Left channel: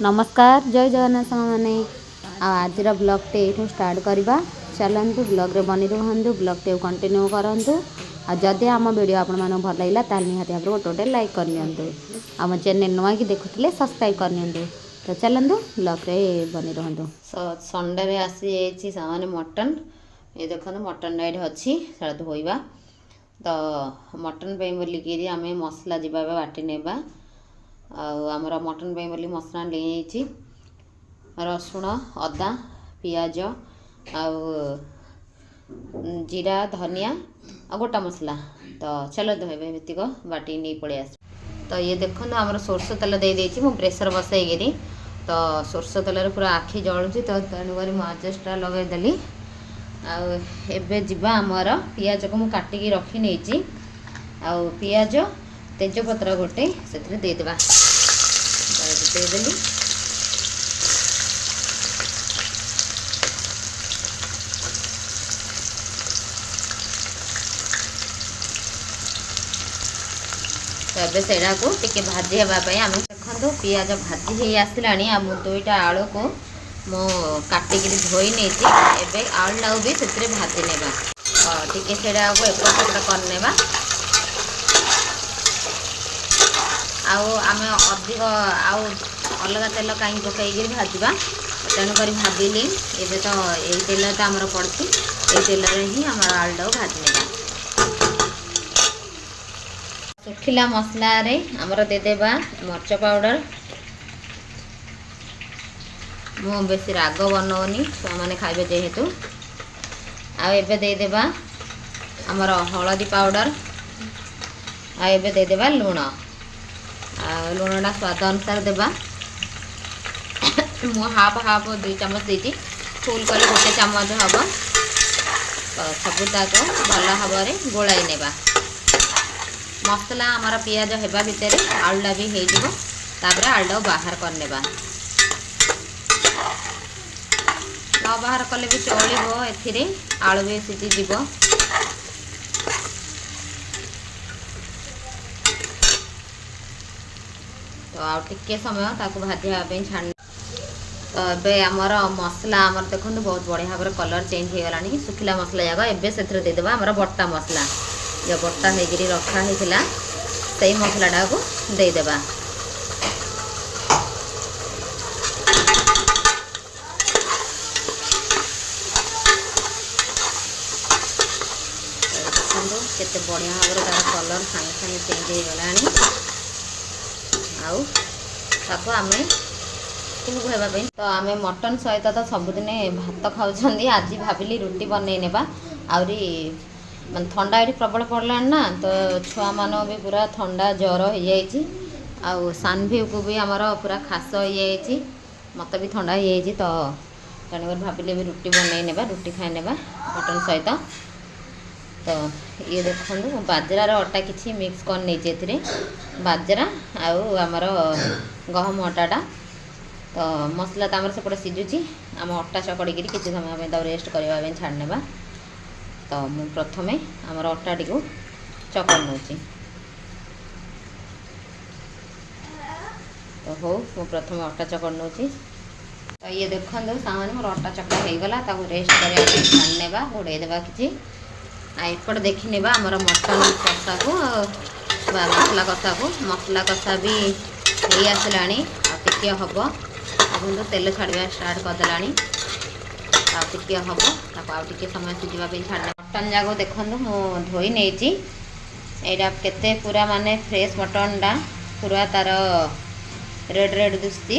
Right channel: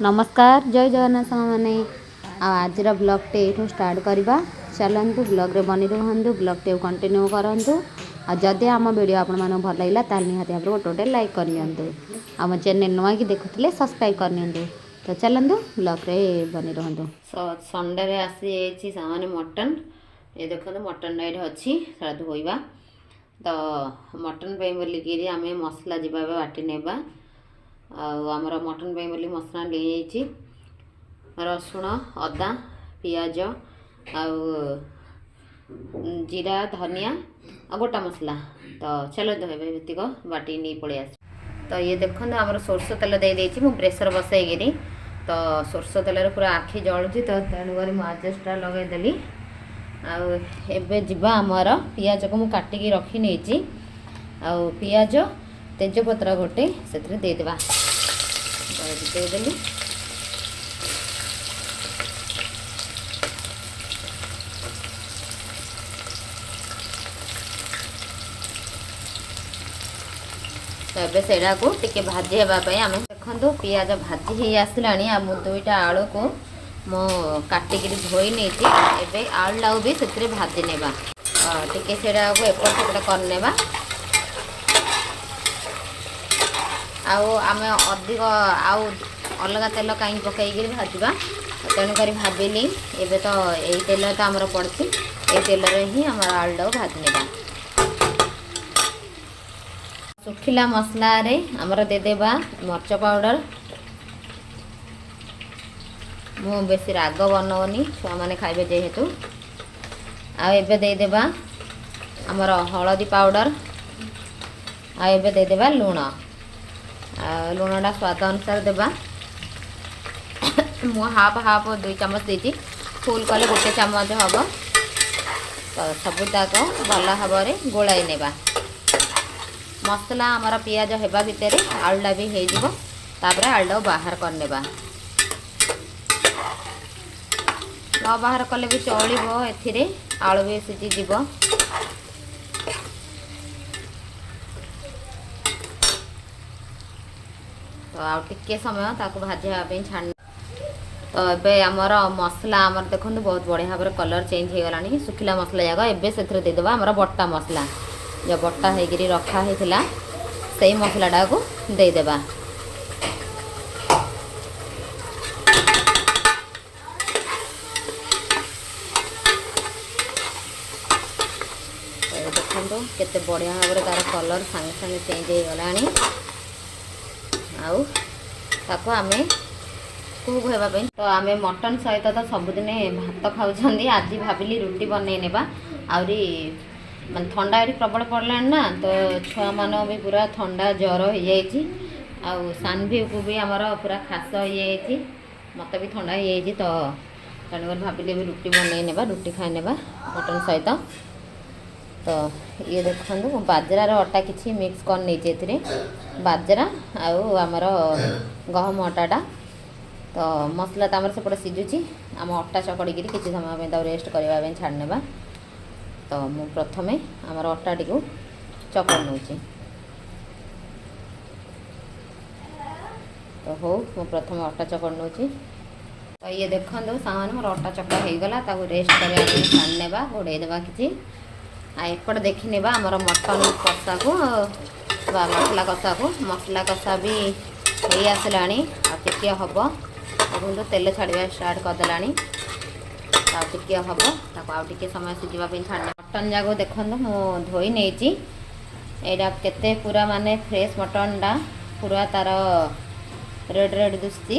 नमस्कार जय जगन्नाथ मैंने आज ब्लॉग टे ये स्टार्ट करवा चलतु ब्लॉग रे बनी रुहतु ब्लॉग टे कंटिन्यू करूँ आदि आम वीडियो आपण मन भल लगे ताल निहाती भाव गोटे गोटे लाइक करनी आम चैनल नुआ कि देखुले सब्सक्राइब करनी तो चलतु ब्लॉग रे बनी रुहतु संडे रे आसी सामान मटन ये देखो मटन ये अच्छी से धोवा तो मटन पे बोलिकी आम मसला जावा बाटी नेबा आमर मटन पे बोली मसला ले रसुण अदा पियाज जीरा धनिया आ गोटा मसला तो चलो धोबक बाटी नहीं पलि आस तो ये देखो आमर सोरष तेल दे देती मु प्रेसर बसईकि तो सोरष तेल पूरा आखि जलुची तो तेणुक माजेस्टा लगेदेली आबे जीवा आमर पियाज को मुझे काटिकी रखी नहीं पियाज तेजपत्र गोटे से देदेबा देदेली तो सेटा को टिके भाजी होगापी आम देखो पियाज भाजी हो आसला दुईटा आलू को मो काटिक धोई नहीं आलू भी से भाजी नेबा टिके सेटा को एपट सेपट करनेबा आम अधिक आउ अलग तेल कहीं पकईकि भाजवा तेणुक भाजिली एबे तो यही तेल तो आमर पड़ी ये तेल ही आम आलू भाजी नेबा सुखिला मसला रे आमर देदेबा मर्च पाउडर मु बेसी राग बनौनी छुआ मैंने खाइबे जेहेतु आबे देदेबा आमर हलदी पाउडर आबे देदेबा लुण लुणटा स्वाद अनुसार देबा मु हाफ हाफ 2 चामच देती फुल कले गोटे चामच हम तो सबूक भल भाव में गोलाई नेबा मसला आमर पियाज हेबा भितर आलूटा भी होपर आलूटा बाहर करनेबा न बाहर कले भी चलिबो एथिरे आलू भी सीझी जीवो तो आउ टिके समय ताको भाजापी छाड़ तो ये आमर मसला आमर देखो बहुत बढ़िया भाव कलर चेंज हो गलानी सुखिला मसला जाक एबे से देदेबा आमर बट्टा मसला जो बट्टा होकर रखा होता से मसलाटा को देदेबा देखो केते बढ़िया भाव तार कलर सांगे सांगे चेंज हो गलानी आउ आम कुक होगापी तो आम मटन सहित तो सबुदिन भात खाऊँ आज भाविली रुटी बनई नेबा आउरी मैं ठंडा ये प्रबल पड़ा ना तो छुआ मान भी पूरा ठंडा ज्वर हो जाए सानभी को भी आमर पूरा खास हो जाए मत भी ठंडा हो जाए तो तेणुक भाविली भी रुटी बनई नेबा रुटी खाई नेबा मटन सहित तो ये देखो बाजरार अटा किसी मिक्स कर नहीं बाजरा आमर गहम अटाटा तो मसला तो आमर सेपटे सीझुची आम अटा चकड़ी किसी समय तो रेस्ट करने छाड़नेबा तो मु प्रथमे आमर अटाटी को चकड़ नौची तो हो मु प्रथम अटा चकड़ नौची तो ये देखो सामान मोर अटा चकड़ा हो गला रेस्ट करने छाड़नेबा घोड़े देवा किसी एपट देखी नेबा आमर मटन कषा को मसला कषा भी हो आसला टिके हम देखो तेल छाड़ा स्टार्ट करदेला टिके हम टिके समय सीझापी छाड़ने मटन जाक देखो मु धोई नहीं यहाँ केते पूरा माने फ्रेश मटनटा पूरा तार रेड रेड दुसती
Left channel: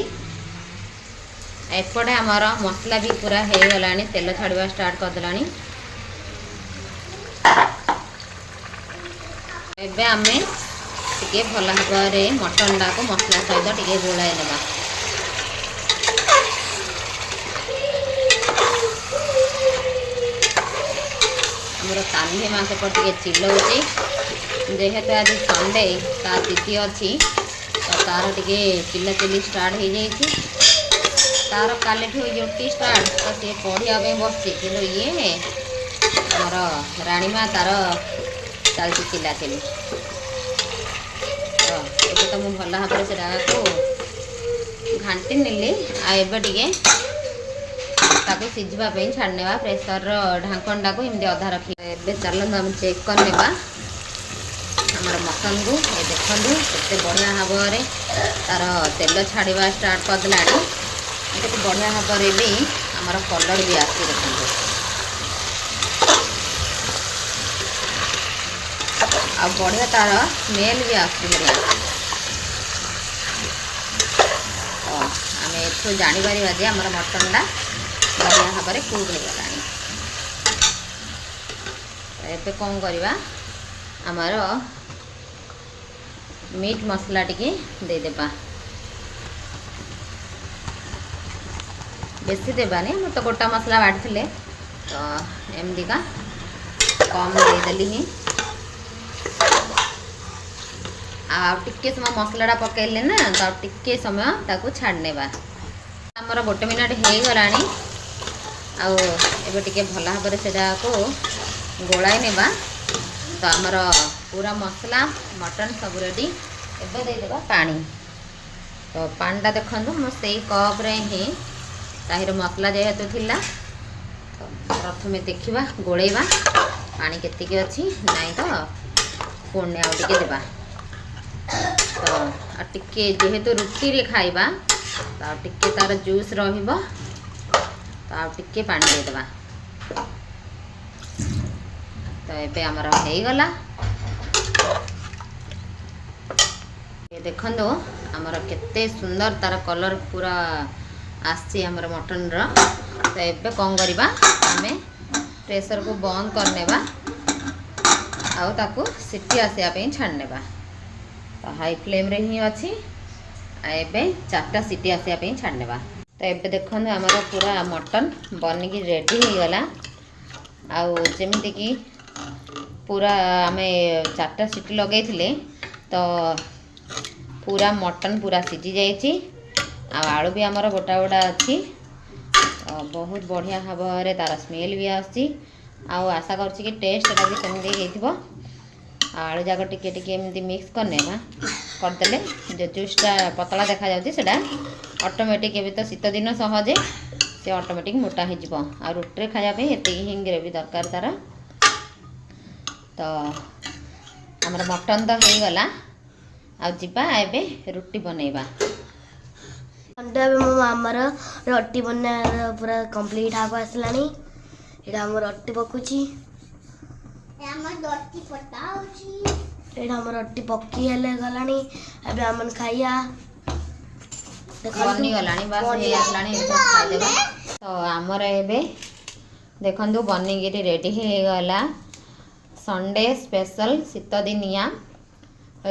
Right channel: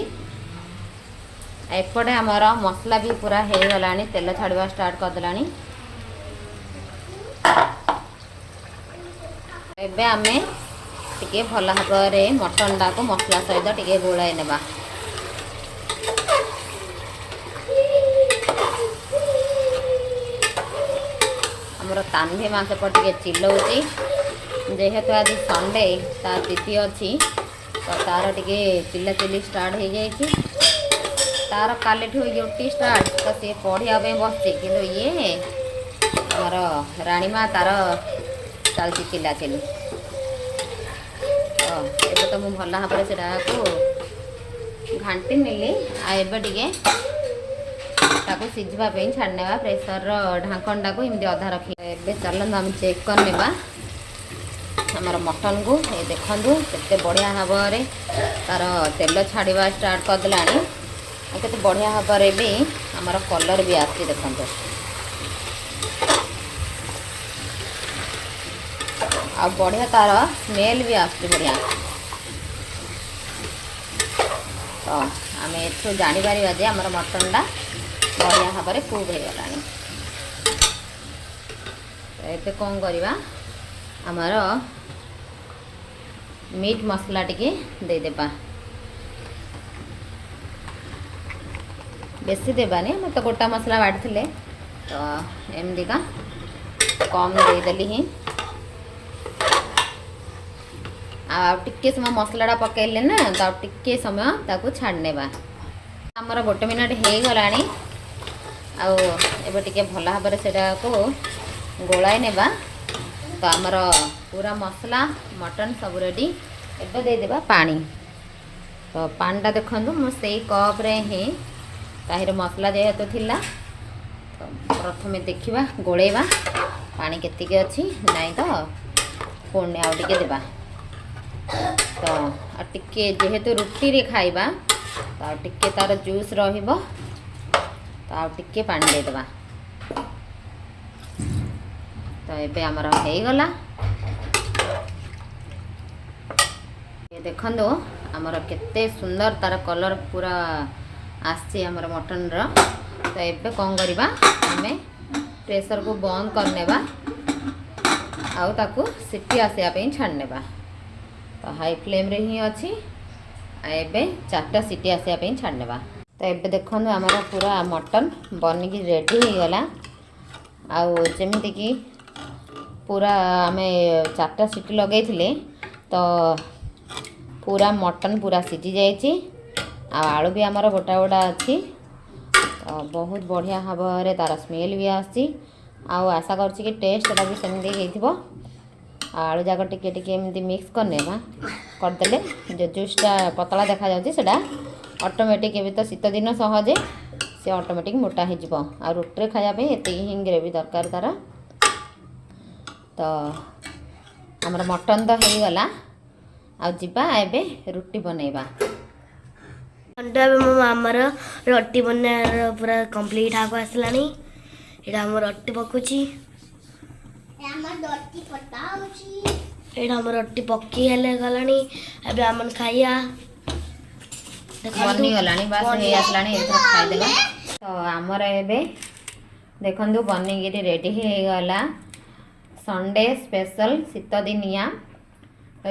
एपटे आमर मसला भी पूरा हो गला तेल छाड़ा स्टार्ट करदेला एबे आमे टिके भल भाव में मटनटा को मसला सहित टिके गोलाई नेबा आमर तान्ही माँ सेपट टिके चिल्लाऊँची जेहेतु आज संडे ता तिथि अच्छी तो तार टिके चिल्ला चिल्ली स्टार्ट हो जाए तार काली ड्यूटी स्टार्ट तो सी पढ़ाई बस ये आमर राणीमा तार चलती चिल्ला चिल्ली तो ये तो मुझे भल भाव से घाटी नेली आबे टिके ताको सिझवा पे छाड़नेवा प्रेसर ढांकणटा को एमती अधा रखी एबे चलत आम चेक करनेवा आमर मटन को ये देखु केते बढ़िया भाव में तार तेल छाड़ा स्टार्ट करदेला केते बढ़िया भाव में भी आमर कलर भी आसी देखो आ बढ़िया तार स्मेल भी आसी बढ़िया तो आम एठू जापर जे आमर मटनटा बढ़िया भाव में कुक हो गला एबे कौन करवा आमर मीट मसला टिके देदेबा बेसी देबानी हम तो गोटा मसला बाटी तो एमती का कम देदेली ही टिके समय मसलाटा पकड़ले ना तो टिके समय ताको छाड़नेबा आमर 1 मिनट हो गला आबे टिके भल भाव में सेटा को गोलाई नेबा तो आमर पूरा मसला मटन सब रेडी एबे दे देबा पानी तो पानीटा देखंतु मो सेई कप रे ही ताहिर मसला जेहेतु थिला तो प्रथमे देखिबा गोलेबा पानी केतिके अछि नाही तो पुणे आउ टिके देबा तो टिके जेहेतु रुटी रे खाइबा तो टिके तार जूस रहिबो तो आउ टिके पानी दे देबा तो एबे आमर हो गला ये देखंदो आमर केते सुंदर तार कलर पूरा आसी आमर मटन रो तो एबे कौन करबा आमे प्रेशर को बंद करनेबा आउ ताकू सिटी आसिया पे छाड़नेबा तो हाई फ्लेम रे ही अच्छी एबे 4टा सीटी आसिया पे छाड़नेबा तो एबे देखंदो आमर पूरा मटन बनिकी रेडी हो गला आउ जेमिति की पूरा आमे 4टा सीटी लगेइथिले तो पूरा मटन पूरा सिझी जाइछि आलू भी आमर गोटा गोटा अच्छी तो बहुत बढ़िया भाव में तार स्मेल भी आसी आशा करछि कि टेस्टटा भी सेमती होइथिबो आलू जाक टिके टिके एमती मिक्स करनेबा करदेले जो जूसटा पतला देखा जाउछि सेटा ऑटोमेटिक एबे तो शीत दिन सहजे से ऑटोमेटिक मोटा हो जिवो आ रोटी खाया पे एते ही ग्रेवी दरकार तार तो हमर मटन तो हो गला आ जिबा एबे रोटी बनेबा अंडा मो आमर रोटी बना पूरा कंप्लीट हाको आसलानी एटा हम रोटी पकुची एटा हम रोटी पक्की हेले गलानी एबे हमन खाइया बनी गलानी बस हे आसलानी एते खाइ देबा तो हमर एबे देखंदु बनी गिरी रेडी हे गला संडे स्पेशल शीत दिनिया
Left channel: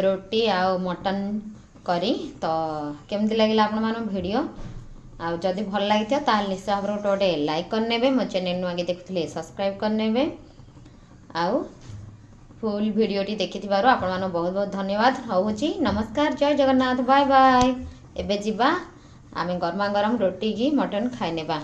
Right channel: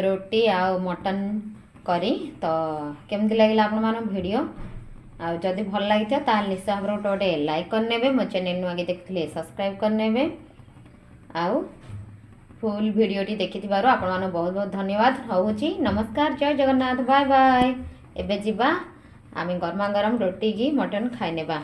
रोटी आ मटन करी तो केमती लगिला आपण मानो वीडियो आ जदि भल लागिता ताल निश्चय भाव गोटे लाइक करनेबे मो चैनल नु आगे देखथिले सब्सक्राइब करनेबे आउ फुल वीडियोटी देखिथिबारो आपण मानो बहुत बहुत धन्यवाद होउची नमस्कार जय जगन्नाथ बाय बाय एबे जिबा आमे गरमा गरम रोटी की मटन खाइ नेबा।